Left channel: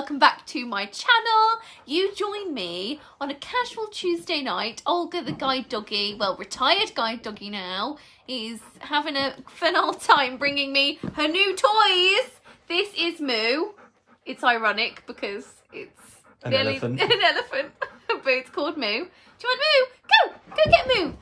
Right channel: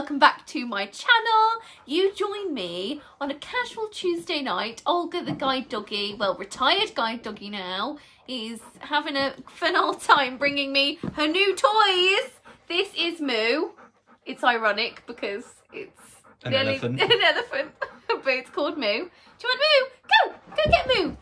welcome back to my channel. You join me on a casual Tuesday night. Olga the guide doggy, well, retired guide doggy now, is having a fun old time bringing me her new toys. This is Moo. It's ironic because it's an elephant, but it's called Moo. Do you want Moo? Go get Moo.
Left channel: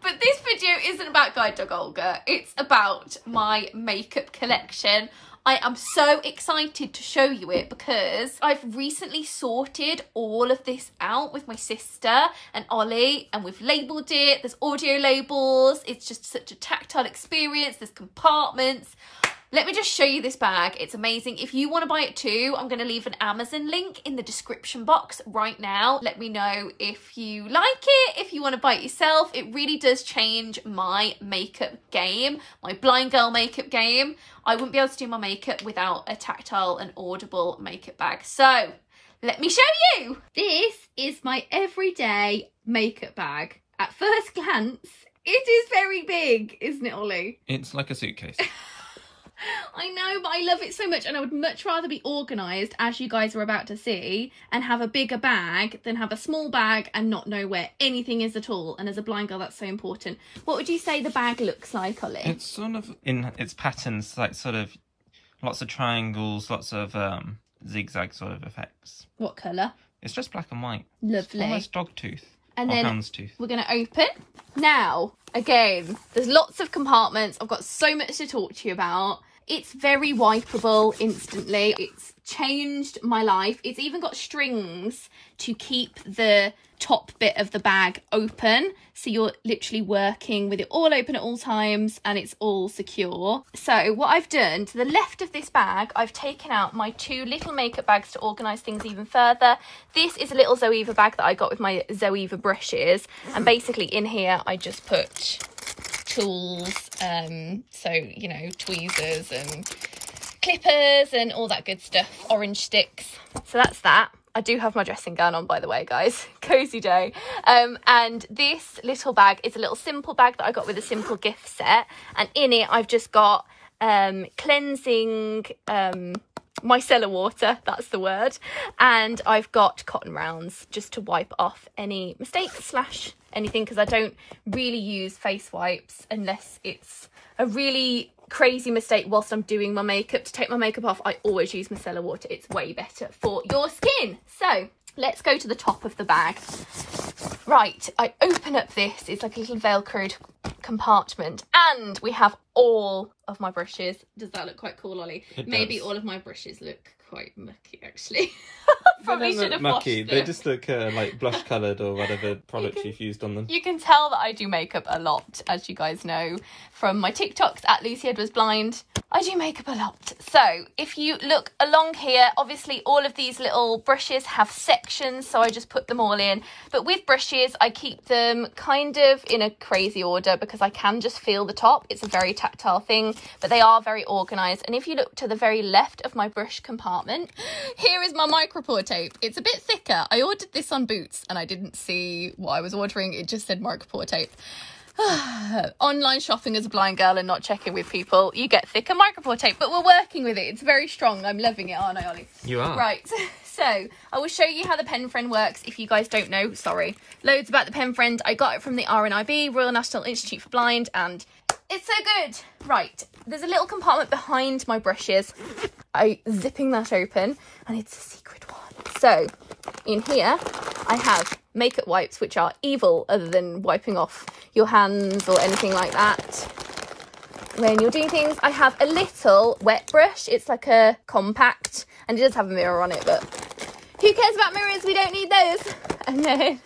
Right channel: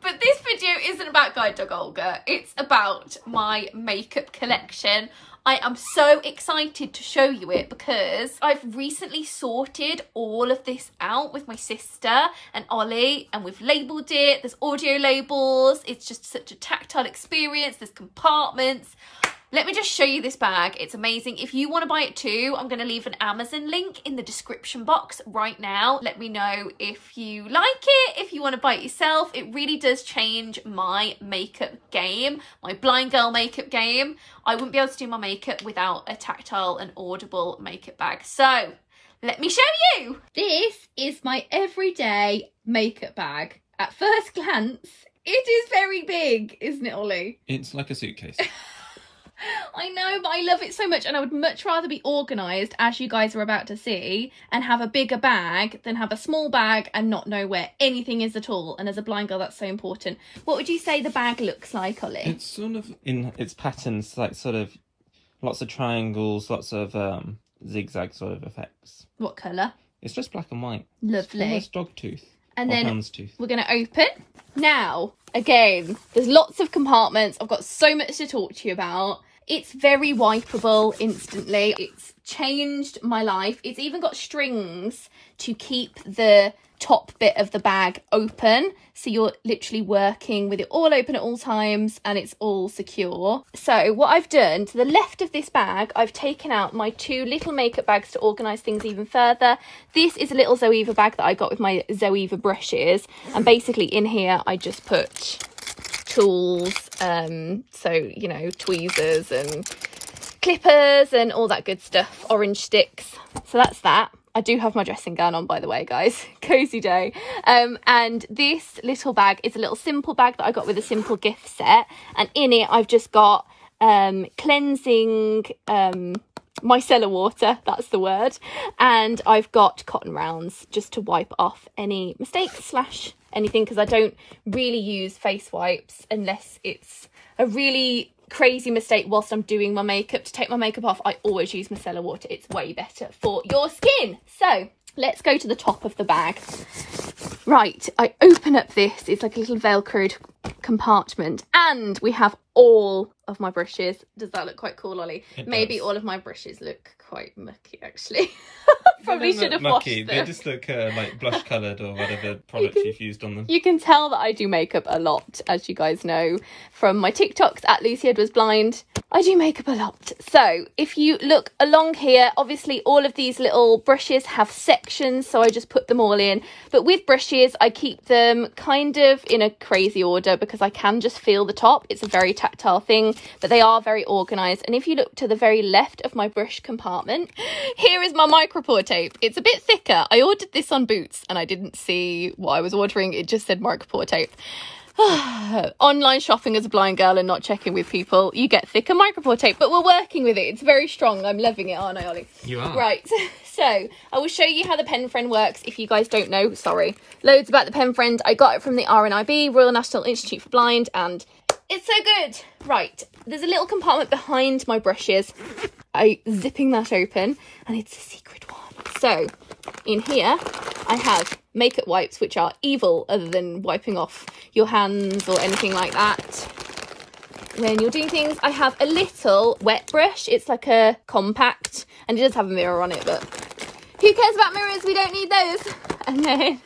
But this video isn't about guide dog Olga. It's about my makeup collection. I am so excited to show you it because I've recently sorted all of this out with my sister and Ollie, and we've labelled it. There's audio labels. It's just such a tactile experience. There's compartments. Let me just show you this bag. It's amazing. If you want to buy it too, I'm going to leave an Amazon link in the description box right now. Let me know if you like it, if you want to buy it yourself. It really does change my makeup game, my blind girl makeup game. I wouldn't be able to do my makeup without a Tactile and Audible makeup bag. So let me show you. This is my everyday makeup bag. At first glance, it is very big, isn't it, Ollie? It's like a suitcase. I know, but I love it so much, and I would much rather be organised, as you guys are about to see, and have a bigger bag than have a small bag and not know where anything is at all. And as a blind girl, that's so important. What would you say the bag looks like, Ollie? It's sort of, in its patterns, like sort of lots of triangles, lots of zigzag sort of effects. What colour? It's just black and white. Lovely. It's almost dog tooth. And then hound's tooth. We're going to open. Now, again, there's lots of compartments. I've got so much to talk to you about. It's very wipeable instantly. It's changed my life. It's even got strings to keep the top bit of the bag open. So you're literally working with it all open at all times and it's all secure. So what I've done, to the left of this bag, I've taken out my two little makeup bags to organise things even further. This is a little Zoeva bag that I got with my Zoeva brushes. And basically in here, I just put tools, so you know, tweezers and clippers and all that good stuff, orange sticks. So that's that. I do have my dressing gown on, by the way, guys. Cozy day. And this little bag is a little simple bag that I got with a simple gift set, and in it I've just got cleansing micellar water, that's the word, and I've got cotton rounds just to wipe off any mistakes slash anything, because I don't really use face wipes unless it's a really crazy mistake whilst I'm doing my makeup. To take my makeup off, I always use micellar water. It's way better for your skin. So let's go to the top of the bag. Right, I open up this, it's like a little velcroed compartment, and we have all of my brushes. Does that look quite cool, Ollie? Maybe all of my brushes look quite mucky, actually. Probably should have washed them. They just look like blush coloured or whatever product you've used on them. You can tell that I do makeup a lot, as you guys know from my TikToks at Lucy Edwards Blind. I do makeup a lot. So if you look along here, obviously all of these little brushes have sections, so I just put them all in. But with brushes, I keep them kind of in a crazy order because I can just feel the top. It's a very tactile thing, but they are very organised. And if you look to the very left of my brush compartment, here is my micropore tape. It's a bit thicker. I ordered this on Boots and I didn't see what I was ordering. It just said micropore tape. Online shopping as a blind girl and not checking with people, you get thicker micropore tape, but we're working with it. It's very strong. I'm loving it, aren't I, Ollie? You are. Right, so I will show you how the pen friend works if you guys don't know. Sorry, loads about the pen friend. I got it from the RNIB, Royal National Institute for Blind, and it's so good. Right, there's a little compartment behind my brushes. I'm zipping that open and it's a secret one. So in here I have makeup wipes, which are evil other than wiping off your hands or anything like that when you're doing things. I have a little wet brush. It's like a compact and it does have a mirror on it, but who cares about mirrors? We don't need those. And then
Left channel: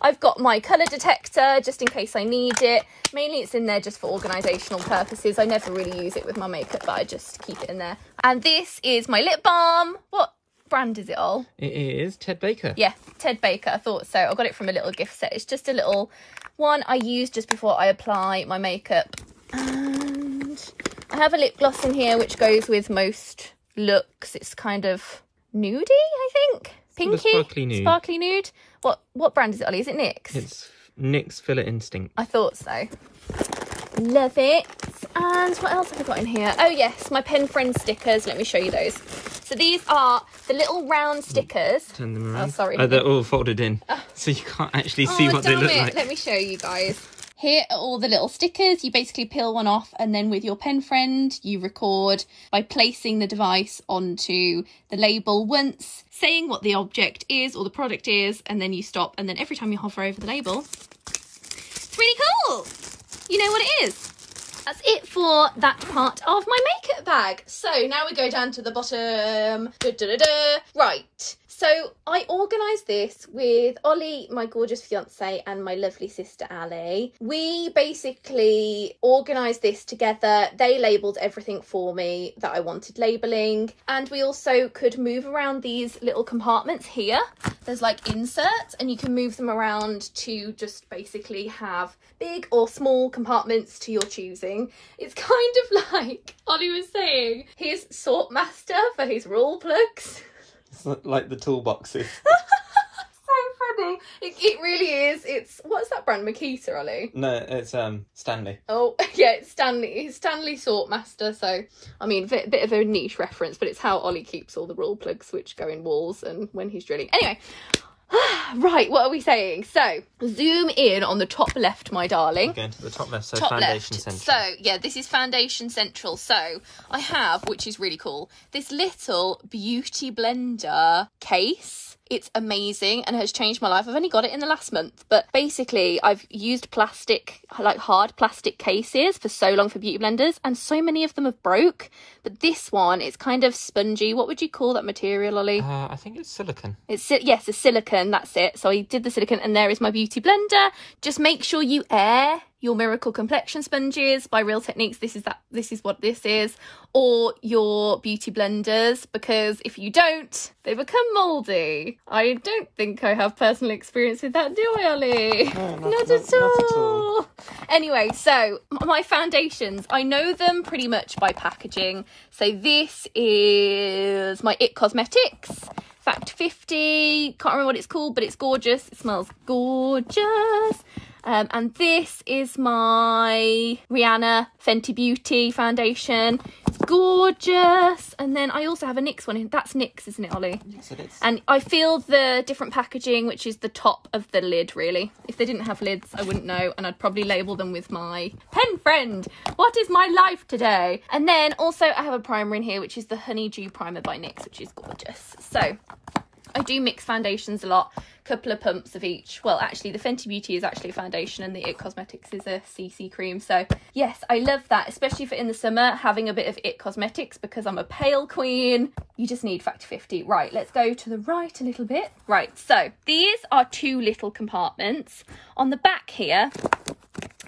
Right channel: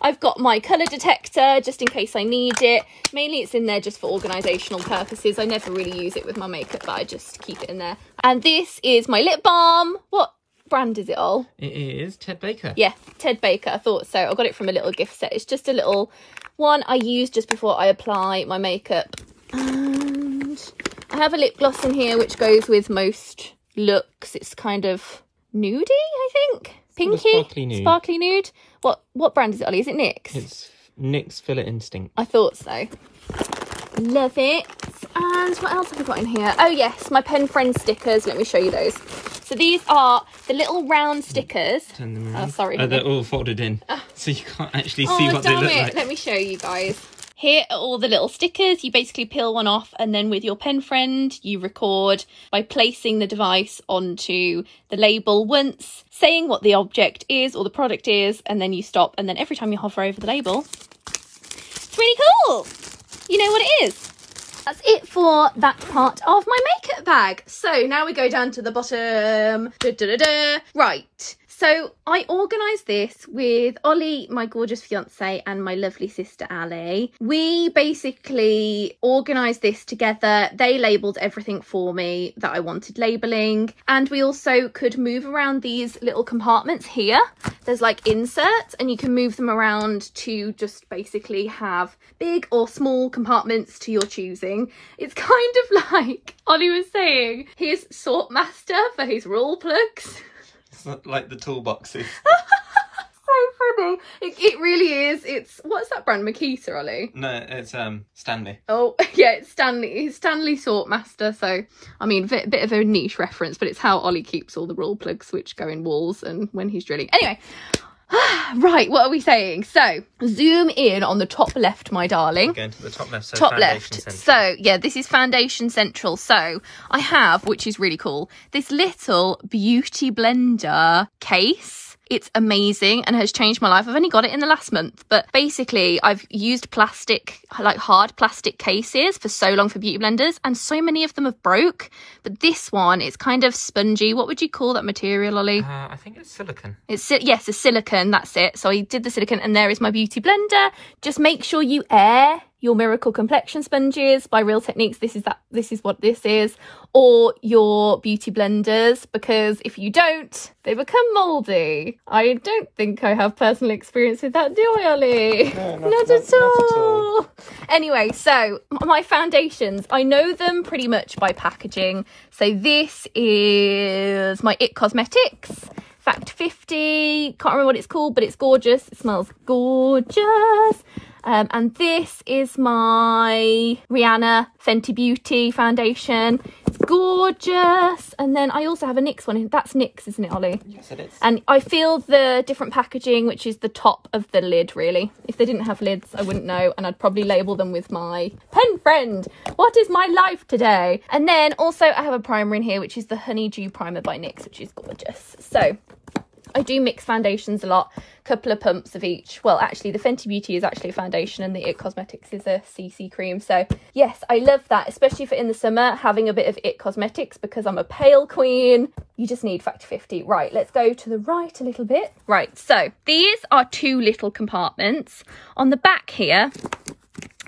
I've got my colour detector just in case I need it. Mainly it's in there just for organisational purposes. I never really use it with my makeup, but I just keep it in there. And this is my lip balm. What brand is it, all? It is Ted Baker. Yeah, Ted Baker. I thought so. I got it from a little gift set. It's just a little one I use just before I apply my makeup. And I have a lip gloss in here which goes with most looks. It's kind of nudie, I think. Pinky, sparkly nude. Sparkly nude. What brand is it, Ollie? Is it NYX? It's NYX Filler Instinct. I thought so. Love it. And what else have I got in here? Oh yes, my pen friend stickers. Let me show you those. So So these are the little round stickers. Turn them around. Oh, sorry. Oh, they're all folded in. So you can't actually see what they look like. Let me show you guys. Here are all the little stickers. You basically peel one off, and then with your pen friend, you record by placing the device onto the label once, saying what the object is or the product is, and then you stop. And then every time you hover over the label, it's really cool. You know what it is. That's it for that part of my makeup bag. So now we go down to the bottom. Right. So I organised this with Ollie, my gorgeous fiance, and my lovely sister Ali. We basically organised this together. They labelled everything for me that I wanted labelling. And we also could move around these little compartments here. There's like inserts, and you can move them around to just basically have big or small compartments to your choosing. It's kind of like Ollie was saying, his sort master for his rule plugs. It's not like the toolboxes. So funny. It really is. It's, what's that brand? Makita, Ollie? No, it's Stanley. Oh yeah, it's Stanley. It's Stanley Sort Master. So I mean, a bit of a niche reference, but it's how Ollie keeps all the rule plugs which go in walls and when he's drilling. Anyway. Right, what are we saying? So, zoom in on the top left, my darling. We're going to the top left, so top Foundation left. Central. So, yeah, this is Foundation Central. So, I have, which is really cool, this little beauty blender case. It's amazing and has changed my life. I've only got it in the last month, but basically I've used plastic, like hard plastic cases for so long for beauty blenders, and so many of them have broke. But this one is kind of spongy. What would you call that material, Ollie? I think it's silicone. Yes, a silicone, that's it. So I did the silicone, and there is my beauty blender. Just make sure you air your Miracle Complexion sponges by Real Techniques. This is what this is, or your beauty blenders, because if you don't, they become mouldy. I don't think I have personal experience with that, do I, Ollie? No, not at all. Anyway, so my foundations, I know them pretty much by packaging. So this is my IT Cosmetics Fact 50. Can't remember what it's called, but it's gorgeous. It smells gorgeous. And this is my Rihanna Fenty Beauty foundation. It's gorgeous. And then I also have a NYX one. That's NYX, isn't it, Ollie? Yes, it is. And I feel the different packaging, which is the top of the lid, really. If they didn't have lids, I wouldn't know. And I'd probably label them with my pen friend. What is my life today? And then also I have a primer in here, which is the Honeydew Primer by NYX, which is gorgeous. So I do mix foundations a lot. Couple of pumps of each. Well, actually the Fenty Beauty is actually a foundation and the IT Cosmetics is a CC cream. So yes, I love that, especially for in the summer, having a bit of IT Cosmetics, because I'm a pale queen. You just need Factor 50. Right, let's go to the right a little bit. Right, so these are two little compartments. On the back here,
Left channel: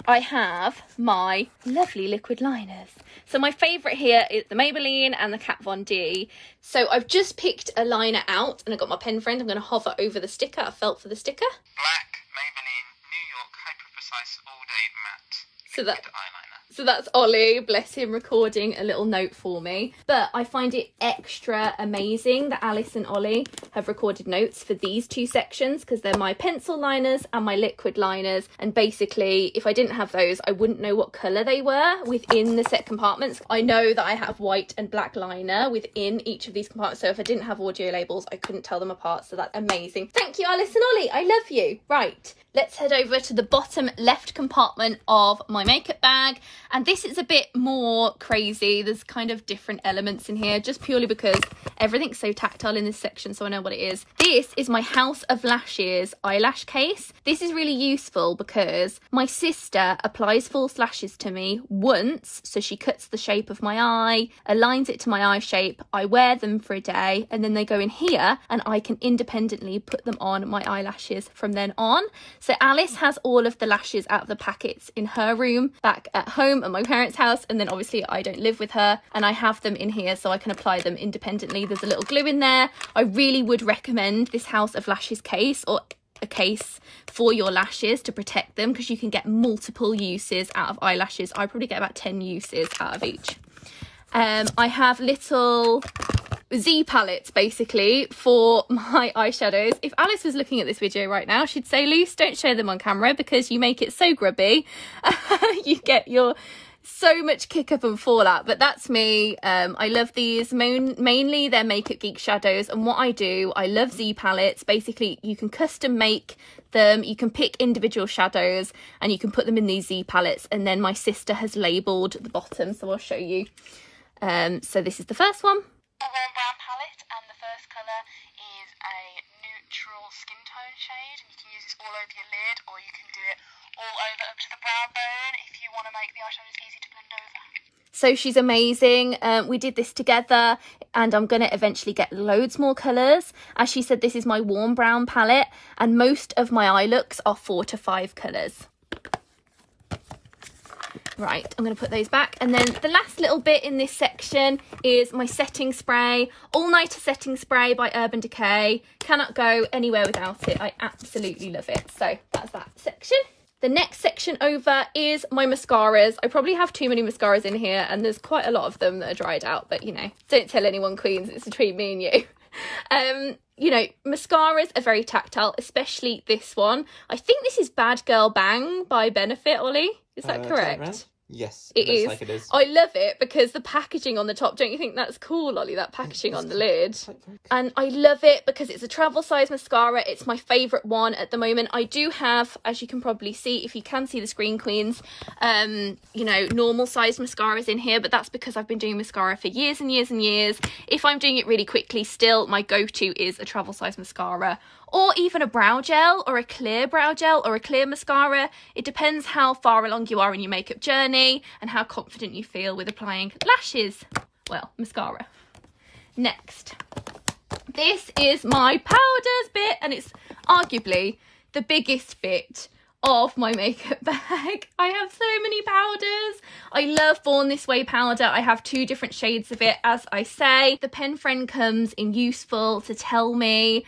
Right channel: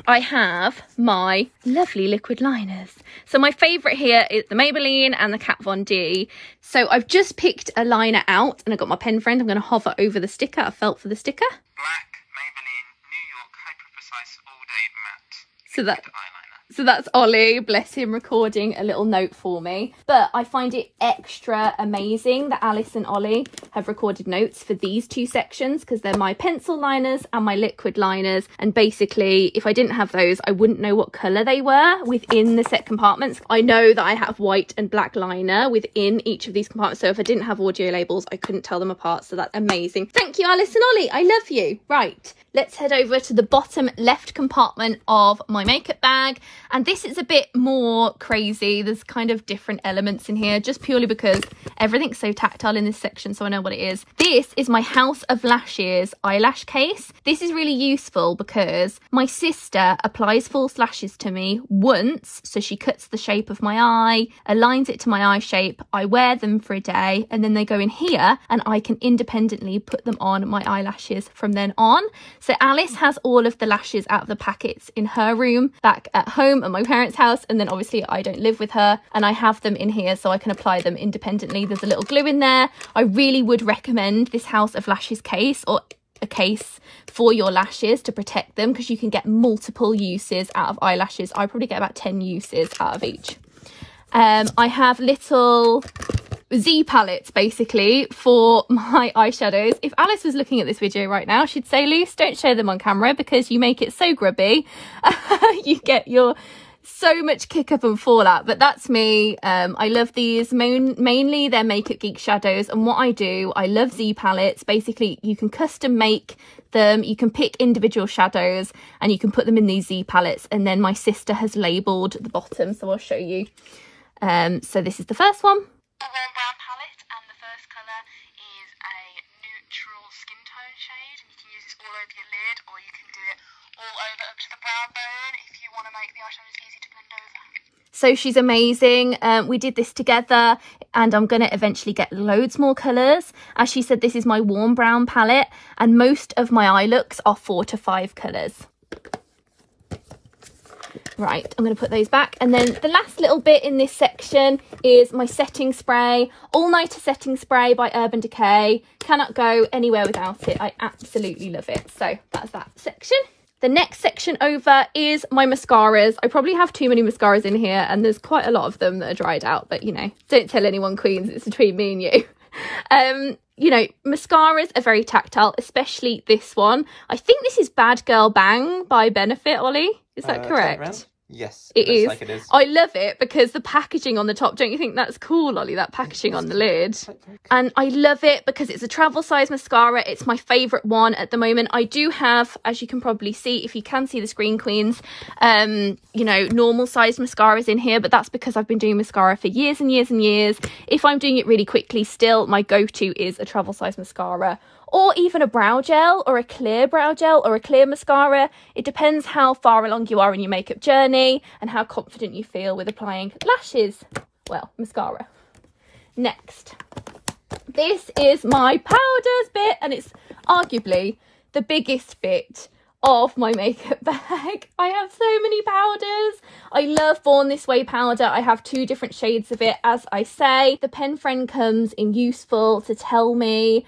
I have my lovely liquid liners. So my favourite here is the Maybelline and the Kat Von D. So I've just picked a liner out and I've got my pen friend. I'm going to hover over the sticker. I felt for the sticker. Black Maybelline New York Hyper Precise All Day Matte Liquid Eyeliner. So that's Ollie, bless him, recording a little note for me. But I find it extra amazing that Alice and Ollie have recorded notes for these two sections, because they're my pencil liners and my liquid liners. And basically, if I didn't have those, I wouldn't know what colour they were within the set compartments. I know that I have white and black liner within each of these compartments. So if I didn't have audio labels, I couldn't tell them apart. So that's amazing. Thank you, Alice and Ollie. I love you. Right, let's head over to the bottom left compartment of my makeup bag. And this is a bit more crazy. There's kind of different elements in here, just purely because everything's so tactile in this section, so I know what it is. This is my House of Lashes eyelash case. This is really useful because my sister applies false lashes to me once, so she cuts the shape of my eye, aligns it to my eye shape, I wear them for a day, and then they go in here and I can independently put them on my eyelashes from then on. So Alice has all of the lashes out of the packets in her room back at home at my parents' house, and then obviously I don't live with her, and I have them in here so I can apply them independently. There's a little glue in there. I really would recommend this House of Lashes case, or a case for your lashes to protect them, because you can get multiple uses out of eyelashes. I probably get about 10 uses out of each. I have little Z palettes basically for my eyeshadows. If Alice was looking at this video right now, she'd say, Luce, don't show them on camera because you make it so grubby. You get your so much kick up and fallout, but that's me. I love these. Mainly they're Makeup Geek shadows, and what I do, I love Z palettes. Basically, you can custom make them, you can pick individual shadows and you can put them in these Z palettes, and then my sister has labelled the bottom, so I'll show you. So this is the first one. A warm brown palette, and the first colour is a neutral skin tone shade, and you can use this all over your lid, or you can do it all over up to the brow bone if you want to make the eyeshadows easy to blend over. So she's amazing. We did this together, and I'm going to eventually get loads more colours. As she said, this is my warm brown palette, and most of my eye looks are 4 to 5 colours. Right, I'm going to put those back, and then the last little bit in this section is my setting spray, All Nighter setting spray by Urban Decay. Cannot go anywhere without it. I absolutely love it. So that's that section. The next section over is my mascaras. I probably have too many mascaras in here, and there's quite a lot of them that are dried out, but you know, don't tell anyone, queens, it's between me and you. You know, mascaras are very tactile, especially this one. I think this is Bad Girl Bang by Benefit, Ollie. Is that correct? Yes, it is. Like it is. I love it because the packaging on the top, don't you think that's cool, Ollie, that packaging on the lid? And I love it because it's a travel size mascara. It's my favourite one at the moment. I do have, as you can probably see, if you can see the screen, queens, you know, normal size mascaras in here, but that's because I've been doing mascara for years and years and years. If I'm doing it really quickly, still my go-to is a travel size mascara, or even a brow gel, or a clear brow gel, or a clear mascara. It depends how far along you are in your makeup journey and how confident you feel with applying lashes. Well, mascara. Next, this is my powders bit, and it's arguably the biggest bit of my makeup bag. I have so many powders. I love Born This Way powder. I have 2 different shades of it, as I say. The pen friend comes in useful to tell me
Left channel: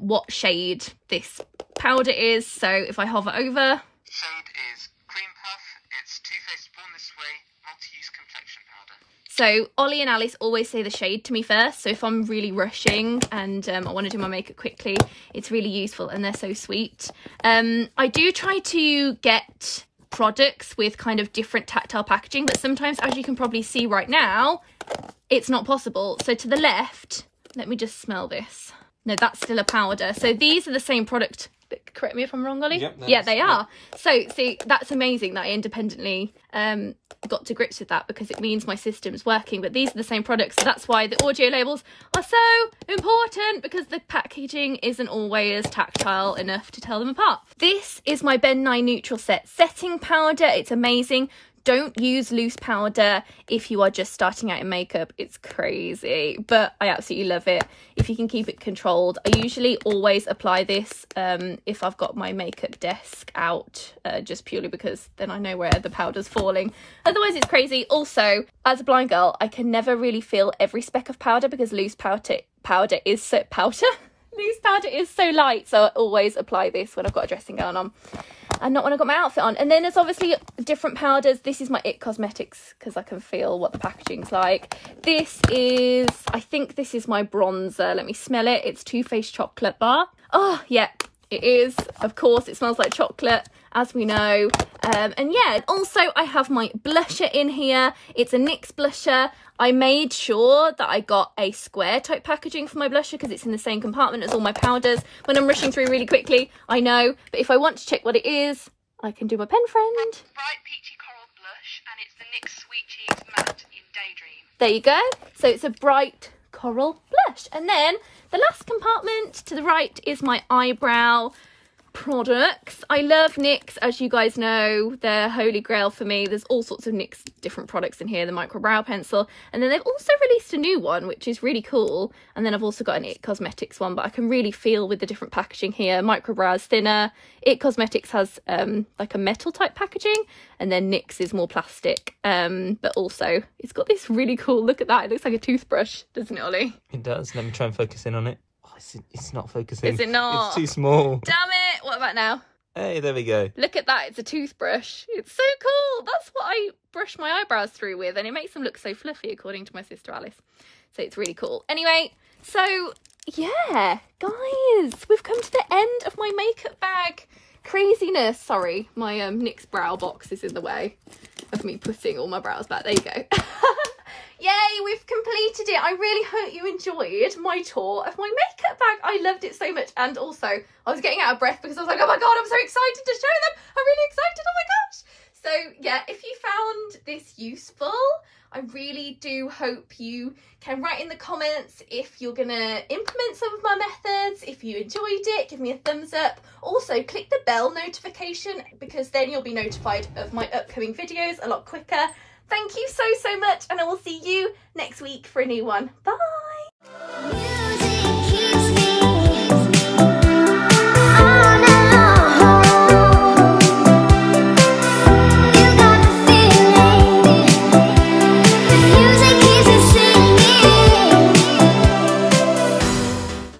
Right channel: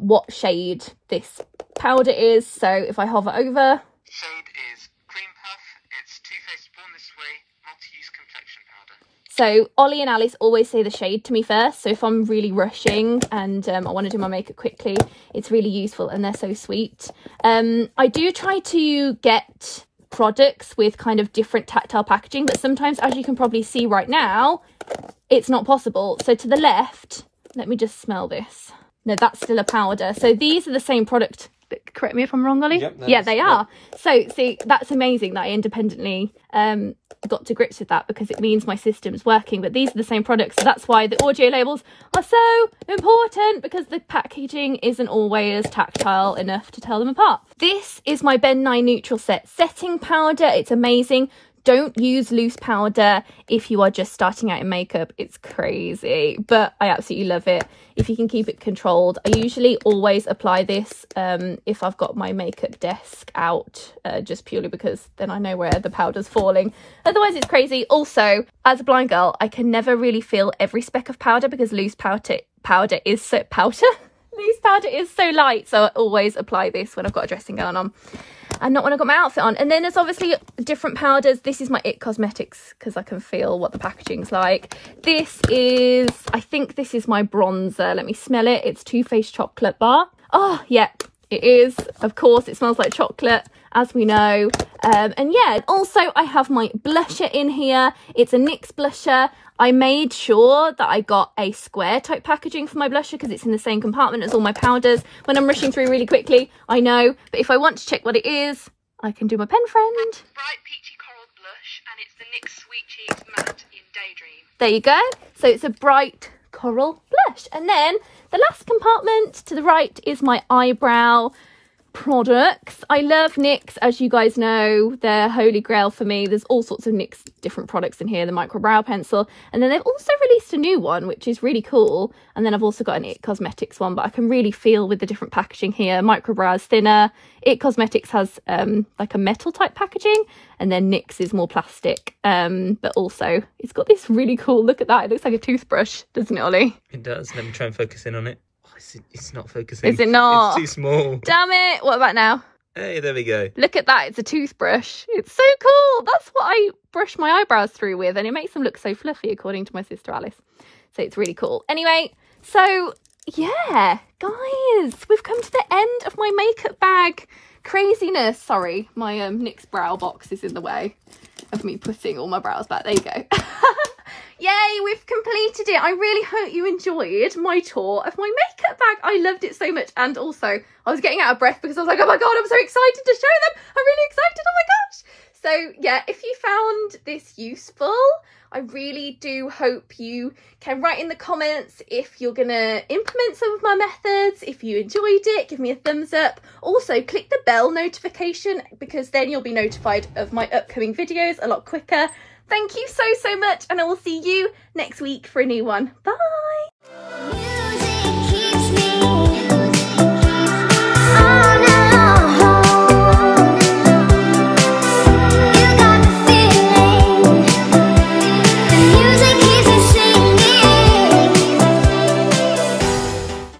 what shade this powder is. So if I hover over, shade is Cream Puff. It's Too Faced Born This Way multi-use complexion powder. So Ollie and Alice always say the shade to me first, so if I'm really rushing and I want to do my makeup quickly, it's really useful, and they're so sweet. I do try to get products with kind of different tactile packaging, but sometimes, as you can probably see right now, it's not possible. So to the left, let me just smell this. No, that's still a powder. So these are the same product. Correct me if I'm wrong, Ollie. Yep, yeah, they are. So see, that's amazing that I independently got to grips with that, because it means my system's working. But these are the same products, so that's why the audio labels are so important, because the packaging isn't always tactile enough to tell them apart. This is my Ben Nye Neutral Set setting powder. It's amazing. Don't use loose powder if you are just starting out in makeup. It's crazy, but I absolutely love it if you can keep it controlled. I usually always apply this if I've got my makeup desk out, just purely because then I know where the powder's falling. Otherwise it's crazy. Also, as a blind girl, I can never really feel every speck of powder, because loose powder is so loose powder is so light, so I always apply this when I've got a dressing gown on and not when I've got my outfit on. And then there's obviously different powders. This is my It Cosmetics, because I can feel what the packaging's like. This is, I think this is my bronzer. Let me smell it. It's Too Faced Chocolate Bar. Oh yeah, it is. Of course, it smells like chocolate, as we know. And yeah, also I have my blusher in here. It's a NYX blusher. I made sure that I got a square type packaging for my blusher, because it's in the same compartment as all my powders. When I'm rushing through really quickly, I know, but if I want to check what it is, I can do my pen friend. Bright peachy coral blush, and it's the NYX Sweet Cheeks Matte in Daydream. There you go. So it's a bright coral blush. And then the last compartment to the right is my eyebrow products. I love NYX, as you guys know, they're holy grail for me. There's all sorts of NYX different products in here. The micro brow pencil, and then they've also released a new one which is really cool, and then I've also got an It Cosmetics one, but I can really feel with the different packaging here. Micro brow is thinner, It Cosmetics has like a metal type packaging, and then NYX is more plastic, but also it's got this really cool, look at that, it looks like a toothbrush, doesn't it, Ollie? It does. Let me try and focus in on it. It's not focusing. Is it not? It's too small. Damn it. What about now? Hey, there we go. Look at that. It's a toothbrush. It's so cool. That's what I brush my eyebrows through with, and it makes them look so fluffy, according to my sister Alice. So it's really cool. Anyway, so yeah, guys, we've come to the end of my makeup bag. craziness. Sorry, my NYX brow box is in the way of me putting all my brows back. There you go. Yay, we've completed it. I really hope you enjoyed my tour of my makeup bag. I loved it so much. And also, I was getting out of breath because I was like, oh my God, I'm so excited to show them. I'm really excited. Oh my gosh. So yeah, if you found this useful, I really do hope you can write in the comments if you're going to implement some of my methods. If you enjoyed it, give me a thumbs up. Also, click the bell notification because then you'll be notified of my upcoming videos a lot quicker. Thank you so much, and I will see you next week for a new one. Bye!